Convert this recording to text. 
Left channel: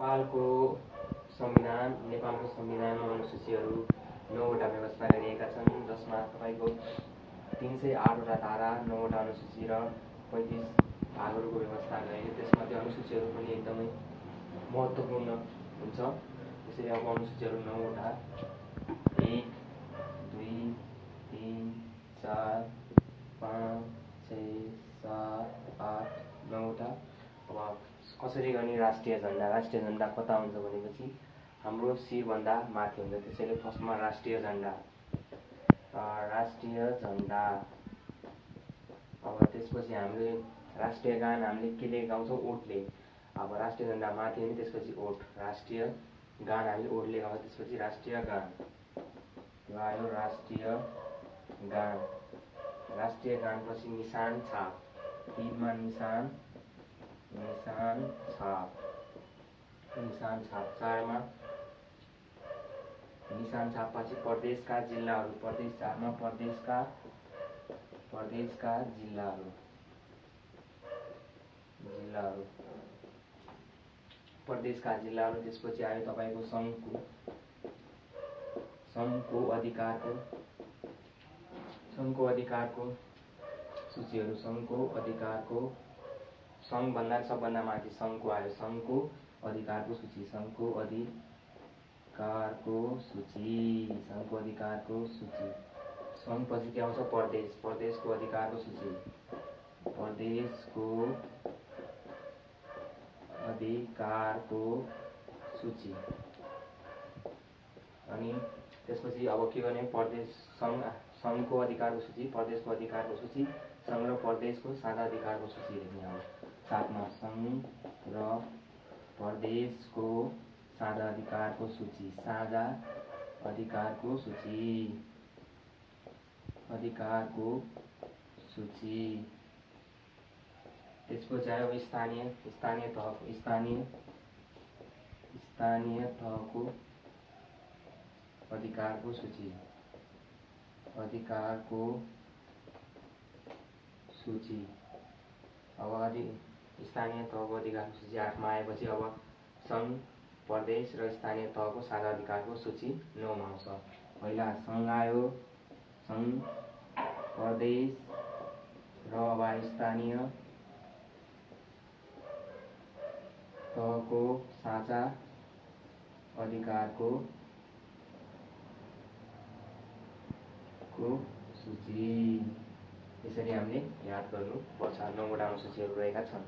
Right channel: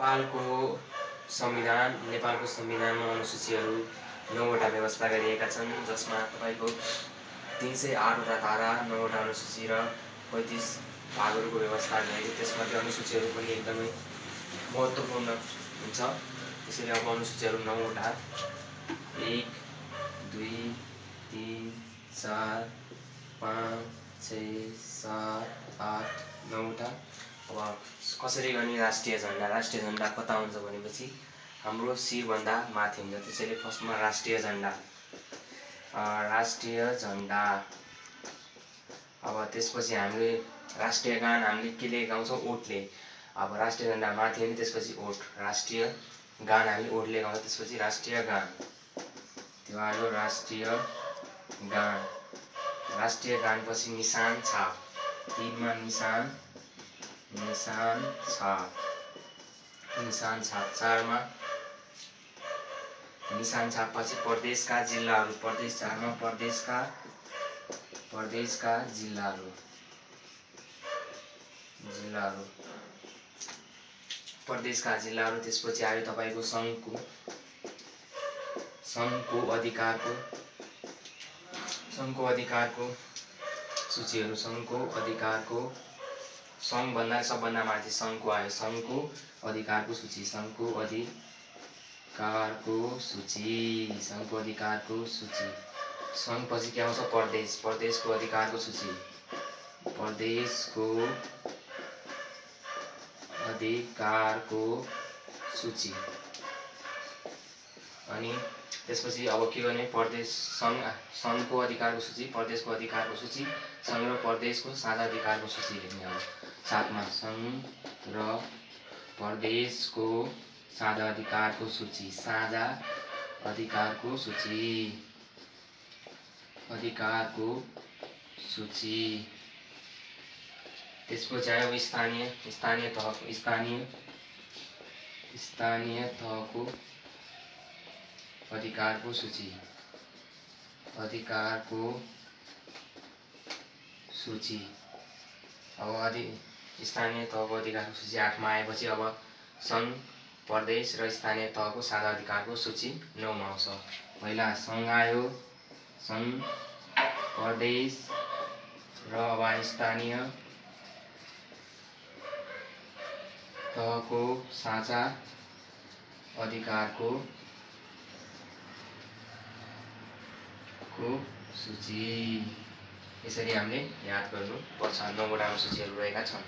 नेपालको संविधानमा अनुसूचीहरू 9वटा व्यवस्था गरिएका छन्, जसमा तपाईको 308वटा धारा, 9वटा अनुसूची र 35 भागहरूको व्यवस्था गरिएको। त्यसमध्ये अनुसूचीहरू पनि एकदमै महत्त्वपूर्ण हुन्छ। त्यसैले अब अनुसूचीहरू 9वटा 1 2 3 4 5 6 7 8 9वटा। अब कसरी गर्ने राष्ट्रिय झण्डा? राष्ट्रिय झण्डा कता हुन्छ भनेपछि हाम्रो शिरभन्दा माथि हुन्छ। त्यसैले फर्स्टमा राष्ट्रिय झण्डा। अब त्यसपछि हामीले राष्ट्रिय गान हामीले केले गाउँछौँ? ओठले। अब राष्ट्रिय झण्डा माथि अनि त्यसपछि ओठ। राष्ट्रिय गान हामीले ओठले गाउँछौँ, त्यसपछि राष्ट्रिय गान। त्यो आयो राष्ट्रिय गान। राष्ट्रिय गानपछि निशान छाप। 3मा निशान छाप। 4मा निशान छापपछि प्रदेशका जिल्लाहरू। 4मा प्रदेशका जिल्लाहरू। त्यसपछि आयो तपाईको सङ्घको अधिकारको सूचीहरू। सङ्घभन्दा सबभन्दा माथि सङ्घको आयो। सङ्घको अधिकारको सूची। सङ्घपछि के आउँछ? प्रदेशको अधिकारको सूची। अनि त्यसपछि अब के गर्ने? सङ्घको अधिकारको सूची, प्रदेशको अधिकारको सूची, सङ्घ र प्रदेशको साझा अधिकारको सूची लेख्ने अब। 7मा सङ्घ र प्रदेशको साझा अधिकारको सूची। त्यसपछि आयो स्थानीय तहको अधिकारको सूची। अब स्थानीय तहको अधिकारको सूची 8मा आएपछि अब सङ्घ, प्रदेश र स्थानीय तहको साझा अधिकारको सूची 9मा आउँछ। पहिला सङ्घ आयो, सङ्घ, प्रदेश र अब स्थानीय तहको साझा अधिकारको सूची। यसरी हामीले याद गर्नुपर्छ। 9वटा अनुसूचीहरू रहेका छन्।